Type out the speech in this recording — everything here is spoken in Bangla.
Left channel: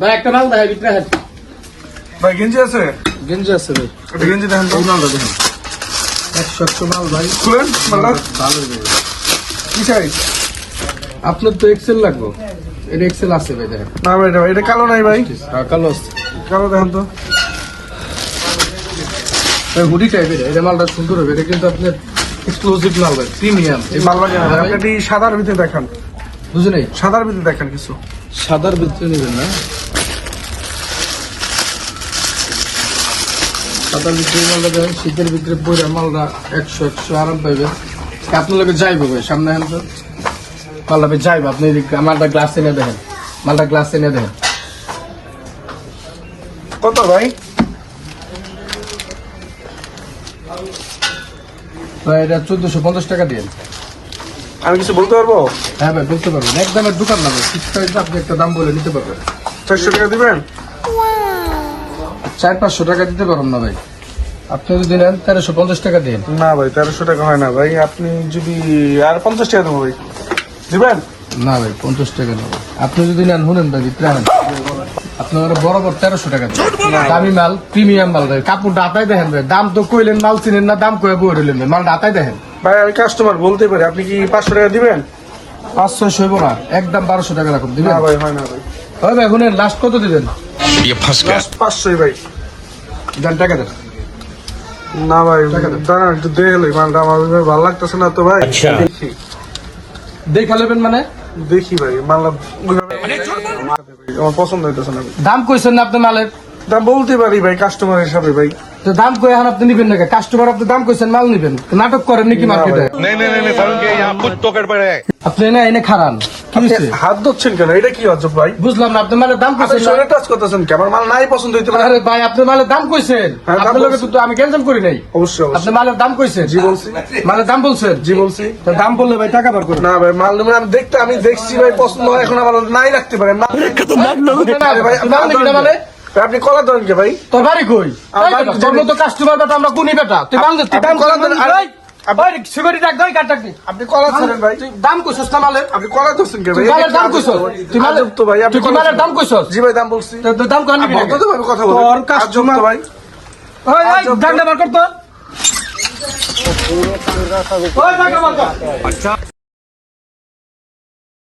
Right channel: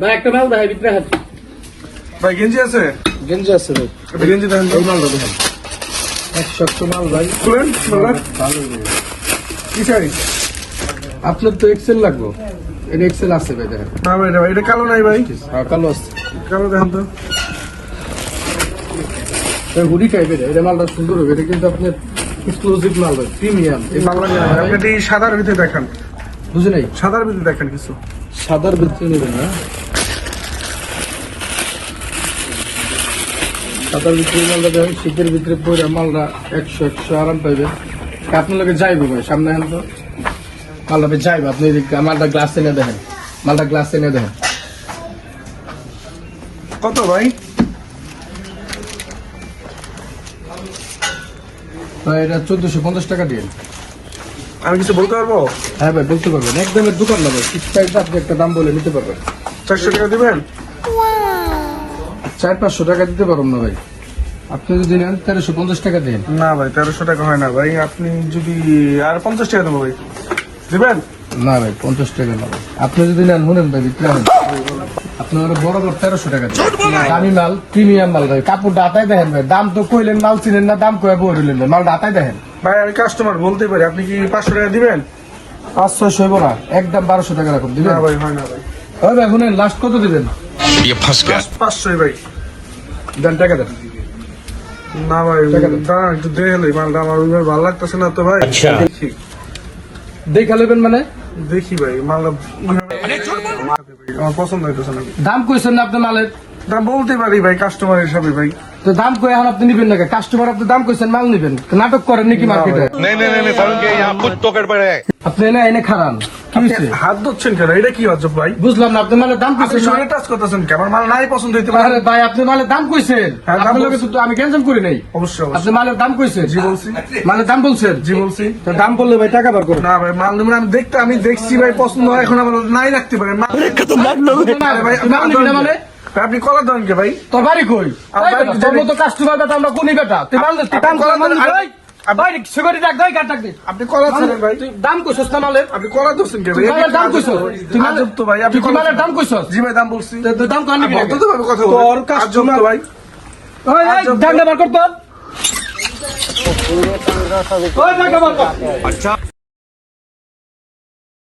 ভাই একটা মাল ভাই ভিতরে হাত ভাই গেঞ্জি আছে? গেঞ্জি আছে ভাই এটা গেঞ্জি দেখেন, ওই মালটা দেখেন 100 মাল ভাই খুলেন মাল্লা। ভালো দেবে কি সাইজ? আপনার তো এক্সেল লাগবে এটা এক্সেল আছে ভাই দেখেন না ভাই, এটা কালো নাই ভাই, হ্যাঁ কালো আছে কালো দেখেন তো। ভাই হুডি টাইপের এটা মালটা সুন্দর হবে এটা কিন্তু আপনার এক্সক্লুসিভ মাল ভাই প্রিমিয়াম এই মালটা এটি সাদার ভিতরে দেখেন, বুঝে নাই সাদার ভিতরে দেখেন কিছু। সাদার ভিতরে নেবেন না সাদার ভিতরে মালটা দেখেন শীতের ভিতরে পরে মালটা 100 আরাম পাইবেন আপনার লোকে যাইবো ভাই সামনে আন তো মালটা যাইবো আপনি মালটা গ্লাস এনে দেখেন মালটা গ্লাস এনে দেখেন কত ভাই? ভাই এটা 1450 টাকা দিন আমি কিছু বলতে পারবো? হ্যাঁ ভাই বলতে পারবেন একদমের দোকান না ভাই ঠিক টাইপ আপনি একটা দাম বলে নিতে পারবেন 400 টাকা দিবেন? 400-500 টাকা দিতে পারবেন না ভাই আপনি যদি নেন 1350 টাকা দিন না ভাই 1300 টাকা হয় না ভাই, আপনি যদি আর 50 টাকা দেবো ভাই, দিবেন? না ভাই 50 টাকা না ভাই আপনি যদি নেন শুনেন ভাই বিক্রি নেন আপনার বরাবর 1300 টাকা দিন। দামি মাল প্রিমিয়াম মাল ভাই কাপড় ডাতাই দেখেন ভাই দাম তো কইলেন মাল চিনেন না দাম কয়ে বই রইলেন মাল ডাতাই দেখেন ভাই আমি কাস্টমার বলতে পারি, আপনি কি 500 টাকা দিবেন? 500 হইব না একদম 1200 টাকা রাখুন দিবেন না ভাই, হয় না ভাই, হয় ভাই শুনেন লাস্ট কত দিবেন ये फंस गया। 500 ভাই। দেন টাকা দেন না ভাই টাকা দেন। দাঁড়ান একটু দেখে গেলে মালটা আমার ওইভাবে ভালো লাগতেছে না তো ভাই। দেখি দেখা নেবেন মানে দেখি ভাই মালটা আমার পছন্দ হইতেছে না। দাম কইছেন না আপনি মালের দাম বলতে পারি ভাই কাস্টমার হিসাবে ভাই। তো দাম কই এখন আপনি নিবেন নাকি কাস্টমার আপনি দাম কইছেন মাল নিবেন তো নাটক করেন নাকি মার্কেটে नहीं नहीं नहीं सारुण के यहाँ खुद तो गड़बड़ है। আপনি এনে এনে খারান কি আপনি হইছে হাত ধরছেন কেন? এটা কি অজব ভাই? বুঝলাম না আপনি মালের দাম আপনি কইছেন না শরীরে টাচ করতেছেন কেন? আমার মাল নাই পছন্দ হইতে পারে। আরে ভাই আপনি মালের দাম কইছেন হ্যাঁ, দাম আপনার লগে বলছি। তো আমি ক্যান্সেল করি নাই অবশ্যই আপনি অবশ্যই। মালের দাম কইছেন জি বলছি, মালের দাম বলছেন জি বলছি। তো দাম বললে ভাই টাকা বার করেন না ভাই মাল নেবেন, আমি দেখছি ভাই পছন্দ হয়, এখন আমার নাই রাখতে পারে মাল। ভাই, আপনি মাল নিবি না মানে ভাই, আপনি কলা ধরেন কে ভাই? তোর বাড়ি কই আমার বাড়ি তোর মতো কাস্টমার বেটা আমরা কোনি বেটা তুই মাল দে তুই দাম করে মাল নিবি ভাই ভাই সিকিউরিটি ডাক দই কাট ডাক দি আপনি কলা ধরেন ভাই, তুই দাম কইছস না মালের আপনি কলা ধরছেন কে ভাই? তুই মালের দাম কইছস তুই মালের আজব তো ভাই, আপনি তুই কি মালের দাম কইছস জি ভাই দাম বলছি। তুই দাম কই নিবি না বলতে তো ভাবে কথা বলেন। তোর আজব কাস্টমার তো ভাই। ভাই দাম বার কর তোর ওই টাকা বার কর